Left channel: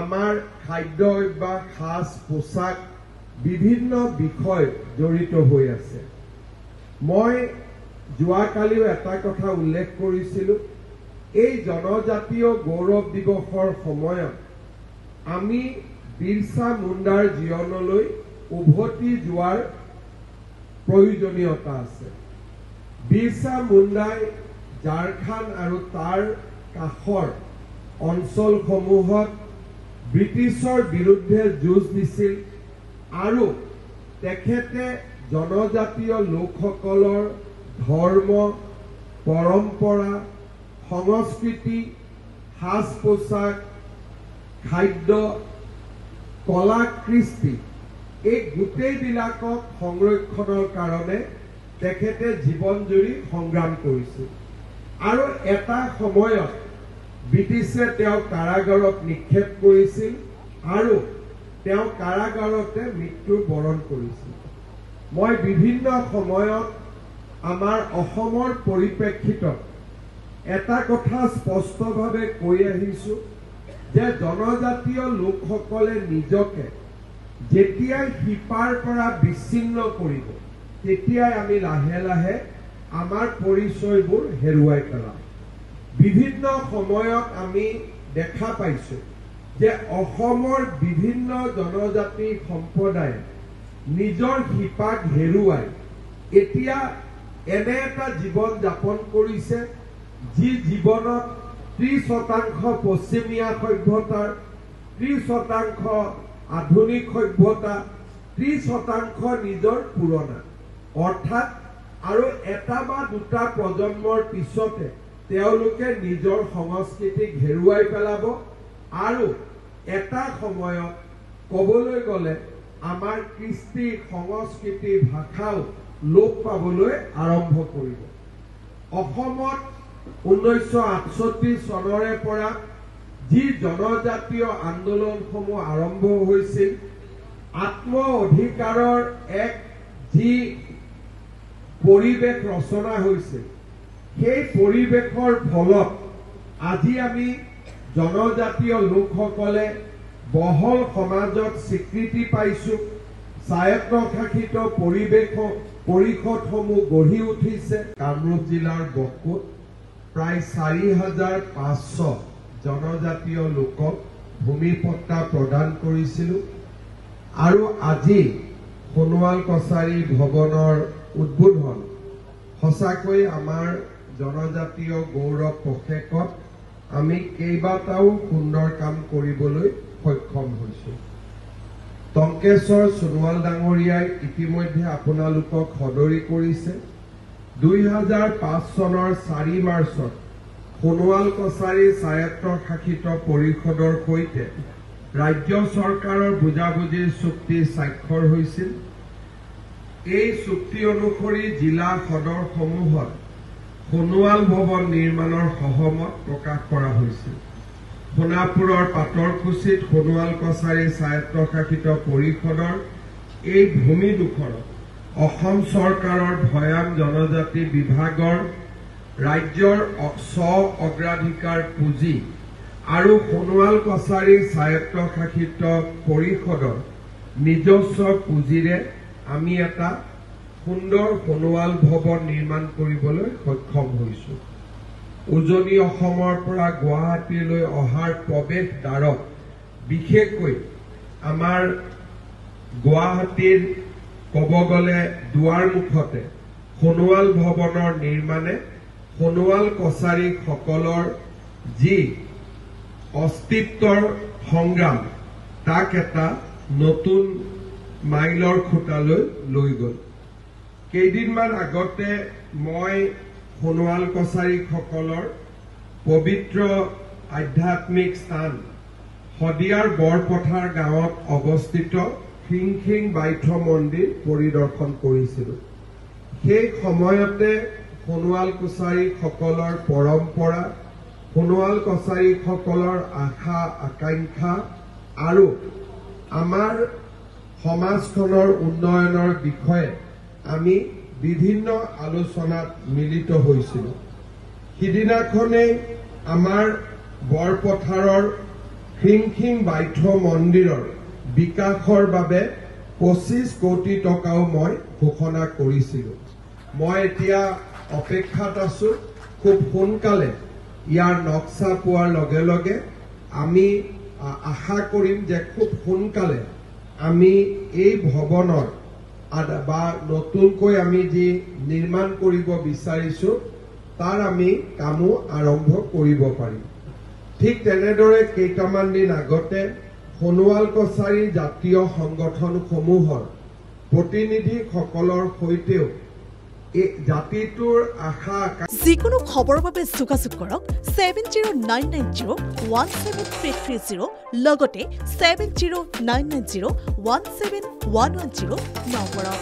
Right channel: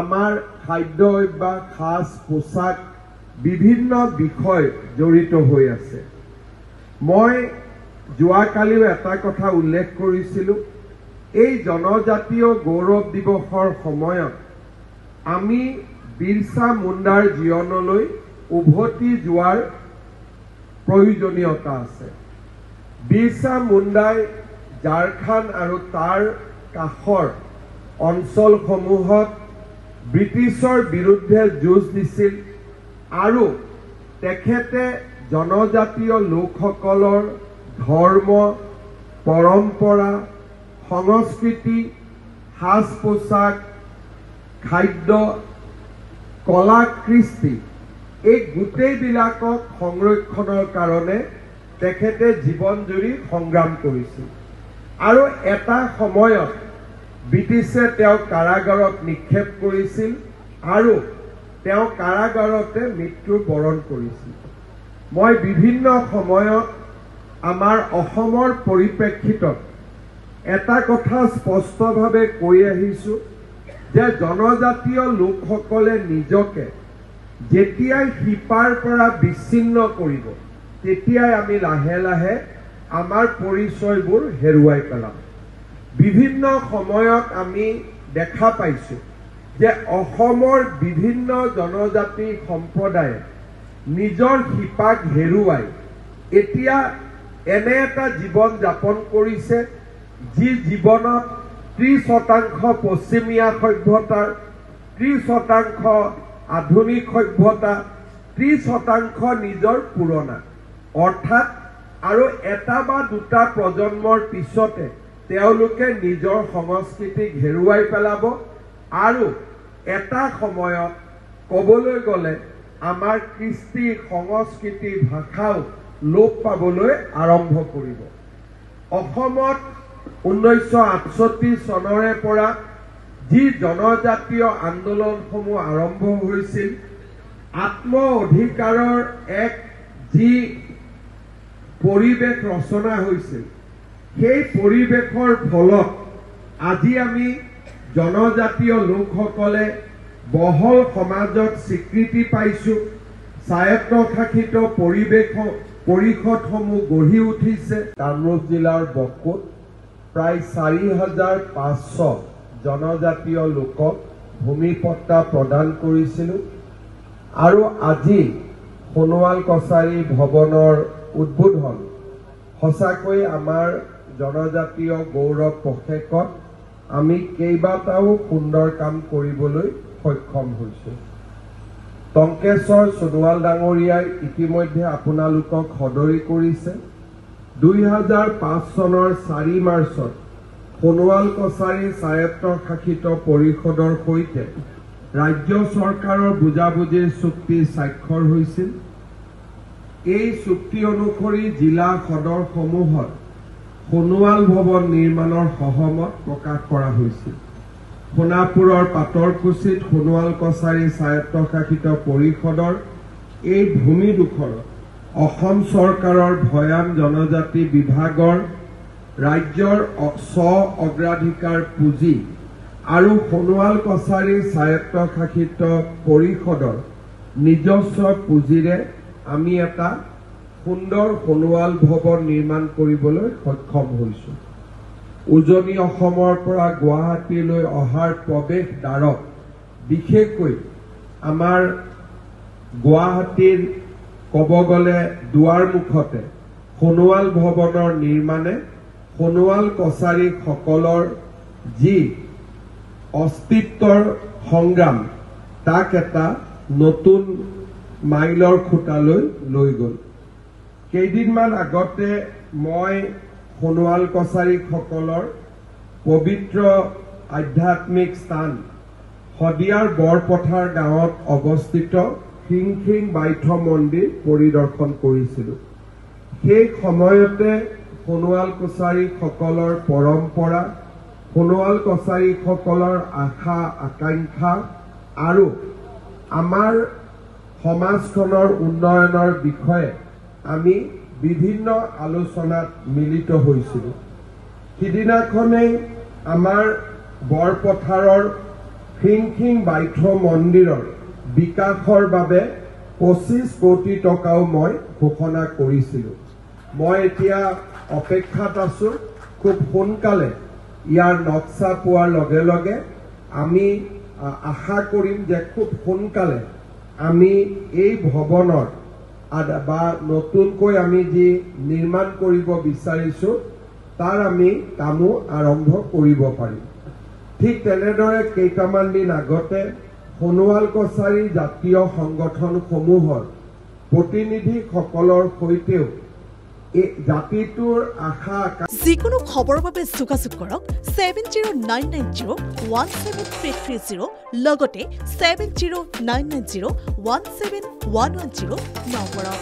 আমাৰ খাদ্য অভ্যাস, সাজ পোছাক বিভিন্ন বিষয় জড়িত হৈ আছে। মই যোৱাকালিও এটা কথা উল্লেখ কৰিছিলোঁ, এই জনজাতীয় গৌৰৱ দিৱসৰ সময়ত আমি বিৰছা মুণ্ডাৰ জীৱনলৈ উভতি যোৱাৰ প্ৰয়োজনীয়তা আছে। বিৰছা মুণ্ডাই ঝাৰখণ্ড আৰু তাৰ কাষৰ অঞ্চলসমূহত ব্ৰিটিছৰ বিৰুদ্ধে যুঁজ দিছিল আৰু তেখেতে জনজাতীয় লোকসকলৰ ধৰ্ম, পৰম্পৰা, সংস্কৃতি, সাজ পোছাক, খাদ্য, কলা কৃষ্টি এই গোটেইবিলাকক সংৰক্ষণৰ কাৰণে তেখেতে জীৱন জুৰি সংগ্ৰাম কৰিছিল আৰু এটা সময়ত ব্ৰিটিছে তেওঁক কাৰাগাৰত নিক্ষেপ কৰিছিল আৰু তেওঁ কাৰাগাৰতে মৃত্যু বৰণ কৰিছিল। মই বিভিন্ন সময়ত আমাৰ অসমৰ পৰিপ্ৰেক্ষিতত এটা কথা স্পষ্টভাৱে কৈ আহিছোঁ যে জনজাতীয় লোকসকলে নিজকে যেতিয়াই শিপাৰ পৰা বিচ্ছিন্ন কৰিব তেতিয়াই আমি লাহে লাহে আমাৰ পৰিচয়বোৰ হেৰুৱাই পেলাম। বিভিন্ন সময়ত আমি দেখা পাইছোঁ যে অসমৰ বিভিন্ন জনজাতি সম্প্ৰদায়ে নিজৰ শিপাক হেৰুৱাই এতিয়া এনে এটা জীৱন যাপন কৰিছে যি জীৱনত 30% পশ্চিমীয়া সভ্যতাৰ, 30% আধুনিক সভ্যতা, 30% নিজৰ পুৰণা, অৰ্থাৎ আৰু এটা বা দুটা প্ৰজন্মৰ পিছতে তেওঁলোকে নিজৰ সংস্কৃতিক হেৰুৱাই পেলাব আৰু এটা সময়ত ক'বলৈ গ'লে আমাৰ কৃষ্টি, সংস্কৃতি, ভাষাও লোপ পাবলৈ আৰম্ভ কৰিব। অসমত 1968 চনৰে পৰা যি জনজাতীয় আন্দোলনসমূহ আৰম্ভ হৈছিল, আত্ম অধিকাৰৰ এক যি পৰিৱেশ ৰচনা হৈছিল, সেই পৰিৱেশৰ ফলত আজি আমি জনজাতীয় লোকসকলে বহল সমাজত স্বীকৃতি পাইছোঁ। স্বায়ত্তশাসিত পৰিষদসমূহ গঢ়ি উঠিছে। কামৰূপ জিলাৰ বকোত প্ৰায় 4,500 জনজাতীয় লোকক ভূমি পট্টা প্ৰদান কৰিছিলোঁ আৰু আজি সোণোৱাল কছাৰী ভৱনৰ উদ্বোধন সঁচাকৈ আমাৰ জনজাতীয় গৌৰৱ পষেকত আমি কেইবাটাও সুন্দৰ কাম কৰিবলৈ সক্ষম হৈছোঁ। টংকেশ্বৰ সোণোৱাল ডাঙৰীয়াই ইতিমধ্যে আপোনালোকক সদৰি কৰিছে। 2005 চনৰ 4 মাৰ্চত সোণোৱাল কছাৰী স্বায়ত্তশাসিত পৰিষদৰ সৈতে ৰাজ্য চৰকাৰৰ বুজাবুজিৰ চুক্তি স্বাক্ষৰ হৈছিল। এই চুক্তি অনুসৰি জিলা সদৰসমূহত সোণোৱাল ভৱন নিৰ্মাণৰ সহমত প্ৰকাশ কৰা হৈছিল। সোণাপুৰৰ পাতৰকুছিত সোণোৱাল কছাৰী স্বায়ত্তশাসিত পৰিষদৰ এই ভূমিডোখৰত অসম চৰকাৰৰ ভৈয়াম জনজাতি বিভাগৰ ৰাজ্যৰ স্ব অগ্ৰাধিকাৰ পুঁজি আৰু সোণোৱাল কছাৰী স্বায়ত্তশাসিত পৰিষদৰ নিজস্ব পুঁজিৰে আমি এটা সুন্দৰ সোণোৱাল ভৱন নিৰ্মাণ কৰিবলৈ সক্ষম হৈছোঁ। উজনি অসমৰ পৰা গুৱাহাটীলৈ অহাৰ প্ৰৱেশ দ্বাৰত বিশেষকৈ আমাৰ গুৱাহাটীৰ ক'ব গ'লে দুৱাৰমুখতে সোণোৱাল ভৱনৰ নিৰ্মাণে সোণোৱাল কছাৰীসকলৰ যি অস্তিত্বৰ সংগ্ৰাম তাক এটা নতুন মাইলৰ খুঁটালৈ লৈ গ'ল। কেইদিনমান আগতে মই সোণোৱাল কছাৰীসকলৰ পবিত্ৰ আধ্যাত্মিক স্থান শদিয়াৰ বৰপথাৰ গাঁৱত অৱস্থিত খিংখিং বাইথ মন্দিৰ পৰিদৰ্শন কৰিছিলোঁ। সেই সময়তে সোণোৱাল কছাৰীসকলৰ পৰম্পৰা, সোণোৱাল কছাৰীসকলৰ আশা আকাংক্ষা আৰু আমাৰ সমাজখনৰ উন্নয়নৰ বিষয়ে আমি বিভিন্ন আলোচনাত মিলিত হৈছিলোঁ। সিদিনাখনেই আমাৰ বৰপথাৰৰ খিংখিং বাইথ মন্দিৰৰ বিকাশৰ বাবে 25 কোটি টকাও মই ঘোষণা কৰিছিলোঁ। মই এতিয়া অপেক্ষাত আছো, খুব সোনকালে ইয়াৰ নক্সা পোৱাৰ লগে লগে আমি আশা কৰিম যে খুব সোনকালে আমি এই ভৱনৰ বা নতুনকৈ আমি যি নিৰ্মাণ কৰিব বিচাৰিছো তাৰ আমি কামো আৰম্ভ কৰিব পাৰিম। ঠিক তেনেদৰে কেইটামান দিন আগতে সোণোৱাল কছাৰী জাতীয় সংগঠনসমূহৰ প্ৰতিনিধিসকলৰ সৈতেও জাতিটোৰ আশা যিকোনো খবৰৰ বাবে যোগাযোগ কৰক 7099017330 লগতে 7099017110 নম্বৰত।